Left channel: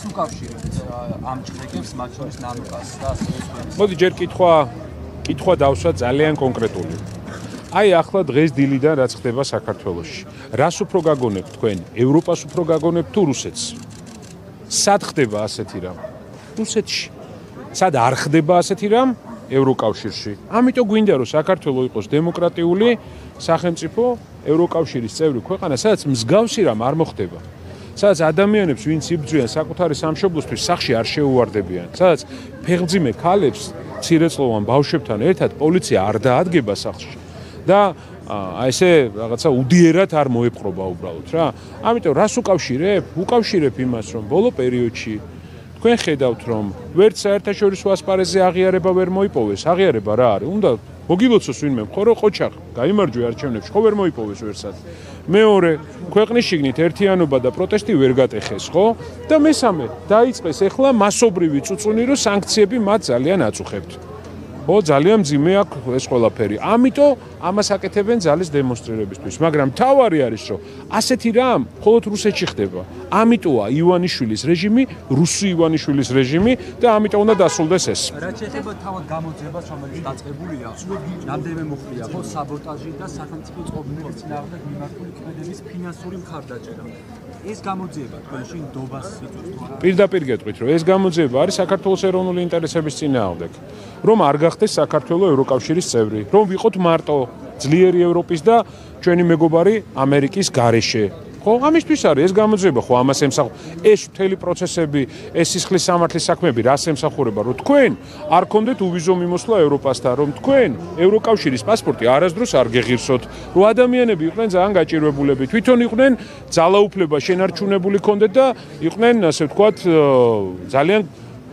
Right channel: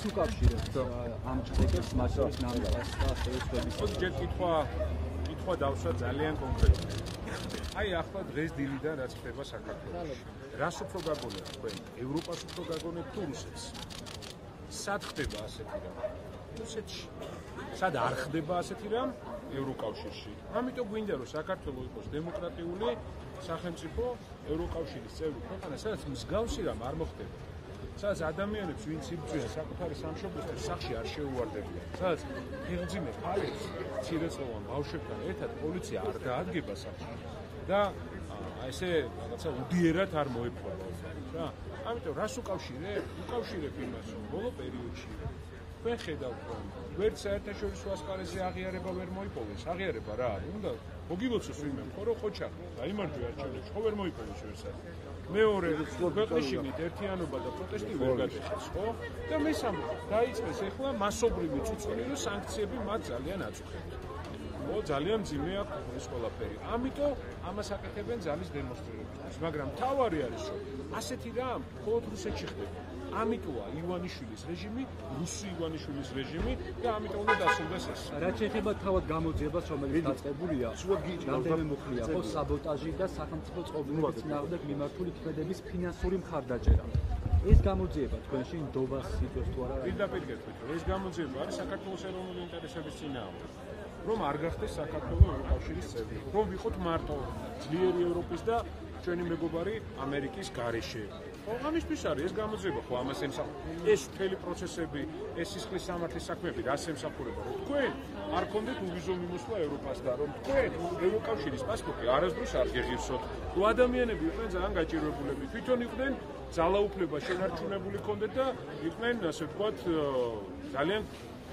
რას უკავშირებთ ამ ჭრეკებს, მათ შორის ნამიკას და ასევე სხვების? მოდი ჯერ კითხვა დავსვა ძალიან კონკრეტული. აი ახლა დღეს დილიდან რაც ხდება საქართველოში. რას უფრო გაგონებთ თქვენ? ევროპას უფრო გაგონებთ თუ რუსეთს? სად ხდება ასეთი რამ? რუსეთში. სად არ ხდება ასეთი რამ? ევროკავშირში. ამიტომ გვინდა რომ საქართველო იყოს დემოკრატიული სახელმწიფო, ევროკავშირის წევრი ქვეყანა, სადაც მსგავსი რამ არ მოხდება. სადაც ადამიანებს ვინც იბრძვიან საკუთარი სამშობლოსთვის სახში არ შეუვარდებიან. სადაც ფეხმძიმე ქალებს მცირეწლოვან ბავშვებთან ერთად პოლიცია არ დაადგება სახლში. და აი ესე რაღაცა უდიერად არ მოეპყრობა უბრალოდ რა. ამიტომ რას უკავშირებ? უკავშირებ იმას, რომ ბოლო პერიოდში თქვენ ხედავთ, რომ ვერც საერთაშორისო ასპარეზზე აღიარება ვერ მოიპოვეს. აღიარება რა არის? უნდა მოგილოცოს ვინმე მხორო ყოჩაღ, გაიმარჯვე არჩევნებში, ხო ვერ მოიპოვეს ვერსად. მეორე, ქვეყნის შიგნით ერთიანობა და პროტესტი ვერ გატეხეს, ხო? და მესამე, დაიწყეს ახლა მასობრივი წუწუნი, რომ სანქციები მათ ძალიან აწუხებთ. ხო, ძალიან მძიმე აქვს ეს ყველაფერი. ამიტომ ამას აკეთებენ ძალის დემონსტრირებისთვის, მაგრამ თავარი არის, რომ ასეთი რამ მხოლოდ რუსეთში ხდება. ამიტოა ივანიშვილის რეჟიმი, რუსი ივანიშვილის რეჟიმი და ამიტომ უნდა დასრულდეს ეს. რაც შეეხება თავად გამოძიებას, რომელიც დაწყებულია, რამდენიმე მოხდია, ხო, საბოტაჟი და სახელმწიფო წყობილების წინააღმდეგ მიმართული ქმედების ფინანსური მხარდაჭერა. ეს გამოძიება თქვენში ნდობას იწვევს თუ არა? პირდაპირ გეტყვით, რომ ეს გამოძიება არის საქართველოს ეროვნული ინტერესების წინააღმდეგ. რომ არ გახდეს საქართველოს ევროკავშირის წევრი, რომ ვიყოთ მარტო ძლიერი ევროპის და ჩვენი მეგობარი ამერიკის გარეშე. ხო, ამისთვის არის ეს გამოძიება, ხო, ამას ემსახურება. ეს მთელი პროცესები, ეს სისხლის სამართლის საქმეები რას ემსახურება, რომ თქვენ არ გქონდეთ უვიზო მიმოსვლა ევროპასთან, რომ თქვენ ევროკავშირის პასპორტი არასდროს არ გეღირსოთ, რომ ადამიანები იყვნენ ძალიან გაჭირვებულები, თვითონ იყვნენ ძალაუფლება შენარჩუნებული ქონდეთ და იყვნენ, ასე ვთქვათ, ძალიან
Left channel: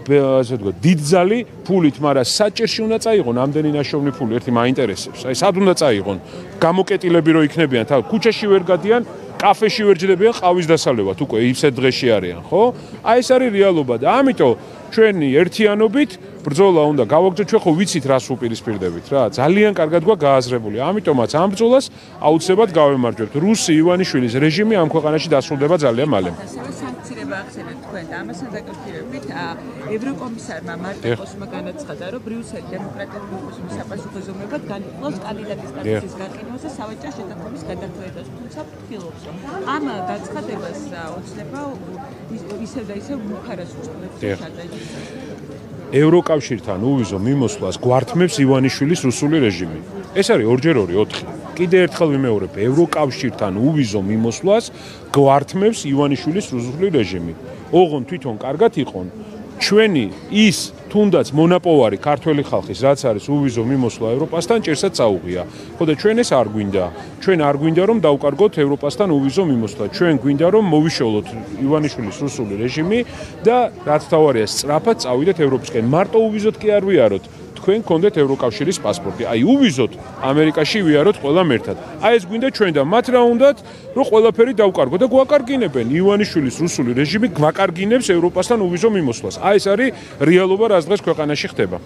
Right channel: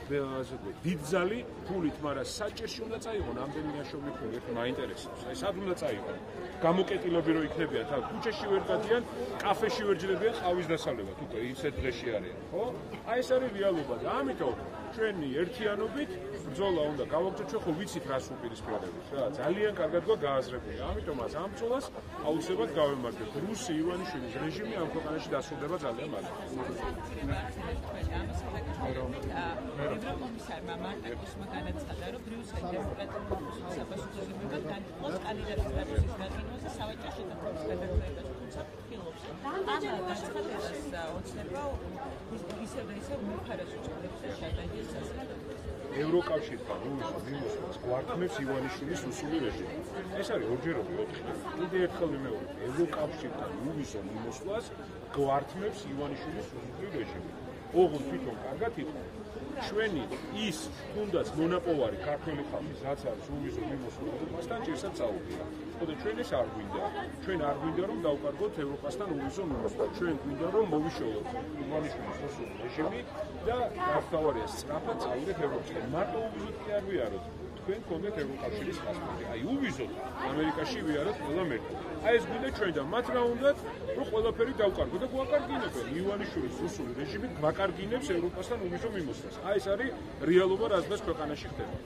ასე ვთქვათ, დიდძალი ფულით, მაგრამ საჭირში უნდა წაიღონ ამდენი ნაშოვნი ფული, ერთი მაინტერესებს. აი, სად უნდა წაიღონ? გამოკეტილები რო იქნებიან, თავ ქუჩაში ვერ გადიან, კაფეში ვერ ჯდებიან, ყავის დასალევად უკვე ისეთ დღეში არიან, ხო? აი ეს არის რეალობა და ამიტომ ჩვენი ერთიანობით ბრძოლა უნდა გავაგრძელოთ, ჩვენ ხო ვიცით რას უპირისპირდებით რა, ძალიან კარგად გვაქვს გააზრებული. ამიტომაც ამ ბრძოლას აუცილებლად გავემარჯვებთ. რუსი ივანიშვილის რეჟიმი ამ ქვეყანაში დასრულდება ძალიან მალე. ასევე სანქციება ახსენეთ თქვენ და ამასთან დაკავშირებით ევროკომისარმა მარტოკოსმა განაცხადა, რომ ბრიუსელი დემოკრატიული ოპოზიციის საპასუხისმგებლად განიხილავს კანდიდატის სტატუსის გაყიდვას და სავაჭრო შეთანხმების გადახვედას, თუმცა ფიქრობს, რომ ამ განცხადებას ოცნება ისევ და ისევ მუხარას უწყობს შადაჯის. ევროკავშირთან უვიზო მიმოსვლას გვართმევს ივანიშვილის რუსული რეჟიმი. ეს არის 2x2 4. კიდე ერთხელ ვიმეორებ, ევროკავშირთან უვიზო მიმოსვლას გვართმევს ივანიშვილის რუსული რეჟიმი. ოღონ თვითონ კარგად იყონ ჩვენი ის თუნდაც მონაპოვარი ქართველი ხალხის რაც არის უვიზო მიმოსვლა ევროპასთან ჭირსაც წაუღია. ხო და ჩვენ ეს არ გვინდა. ჩვენ არ გვინდა რომ დავკარგოთ ევროპასთან უვიზო მიმოსვლა. ჩვენ გვინდა რომ მოვიშველოთ ივანიშვილის რუსული რეჟიმი და რაც თავარია სწრაფად წავიდეთ ევროპისკენ. მარტო უვიზოთ კი არ ვიაროთ. თქვენ გქონდეთ ევროკავშირის პასპორტი. აი უვიზოთ ამერიკაში ვიაროთ ყველამ ერთად. აი ეს გვინდა ჩვენ და მათ რა უნდათ რომ ყველაფერი დავკარგოთ და გვაკარგინებენ ივანიშვილის რუსული რეჟიმი გვაკარგინებს ევროპასთან უვიზო მიმოსვლას. აი ეს არის რეალობა რაც დღეს ქვეყანაში ხდება.